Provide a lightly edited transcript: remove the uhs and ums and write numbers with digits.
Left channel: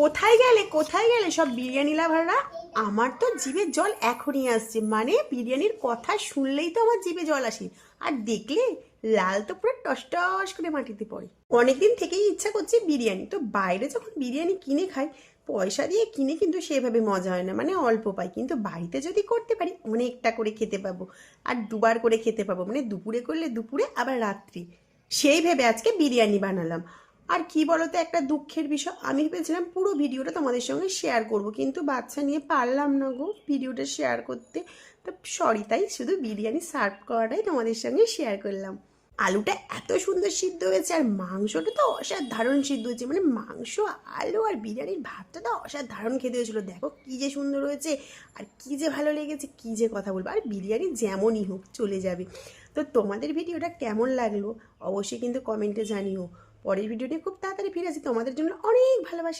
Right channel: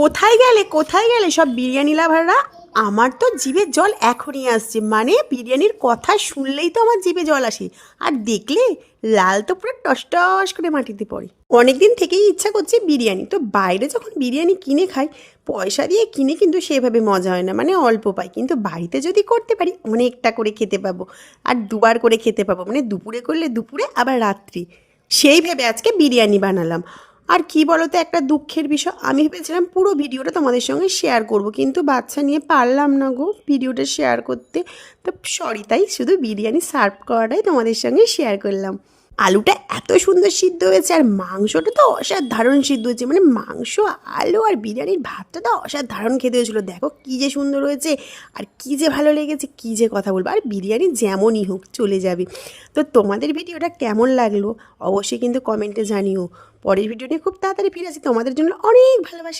কোথায় গেলে সব বিরিয়ানি লাভাররা? আমার তো জিভে জল এখনই আসছে, মানে বিরিয়ানির কথা শুনলেই তো আমার জিভে জল আসে। আর দেখলে লাল তো পুরো টস টস করে মাটিতে পড়ে। অনেকদিন থেকেই ইচ্ছা করছে বিরিয়ানি, তো বাইরে যখন বিরিয়ানি কিনে খাই পয়সা দিয়ে কিনে কিন্তু সেভাবে মজা হয় না, মানে অল্প পাই। কিন্তু বাড়িতে যদি করতে পারি অনেকটা করে খেতে পাবো, আর দুবার করে খেতে পাবো, মানে দুপুরে করলে দুপুরে আবার রাত্রি। সেই ভেবে আজকে বিরিয়ানি বানালাম। আর কি বলতো, একটা দুঃখের বিষয়, আমি ভেবেছিলাম পুরো ভিডিওটা তোমাদের সঙ্গে শেয়ার করব, কিন্তু বাচ্চা নিয়ে পারলাম না গো ভিডিওটা শেয়ার করতে। তো সরি, তাই শুধু বিরিয়ানি সার্ভ করাটাই তোমাদের সঙ্গে শেয়ার করলাম। আলুটা এত সুন্দর সিদ্ধ হয়েছে, আর মাংসটা তো অসাধারণ সিদ্ধ হয়েছে, মানে মাংস, আলু আর বিরিয়ানির ভাতটা তো অসাধারণ খেতে হয়েছিলো। দেখো কী যে সুন্দর হয়েছে, আর কী যে ভালো লেগেছে, কী যে কথা বলবো। আর বিরিয়ানি যেমনই হোক চলে যাবে। তো তোমাদের ভিডিওটা কেমন লাগলো অবশ্যই কিন্তু কমেন্টে জানিও। পরের ভিডিও নিয়ে খুব তাড়াতাড়ি ফিরে আসি, তোমাদের জন্য অনেক ভালোবাসা।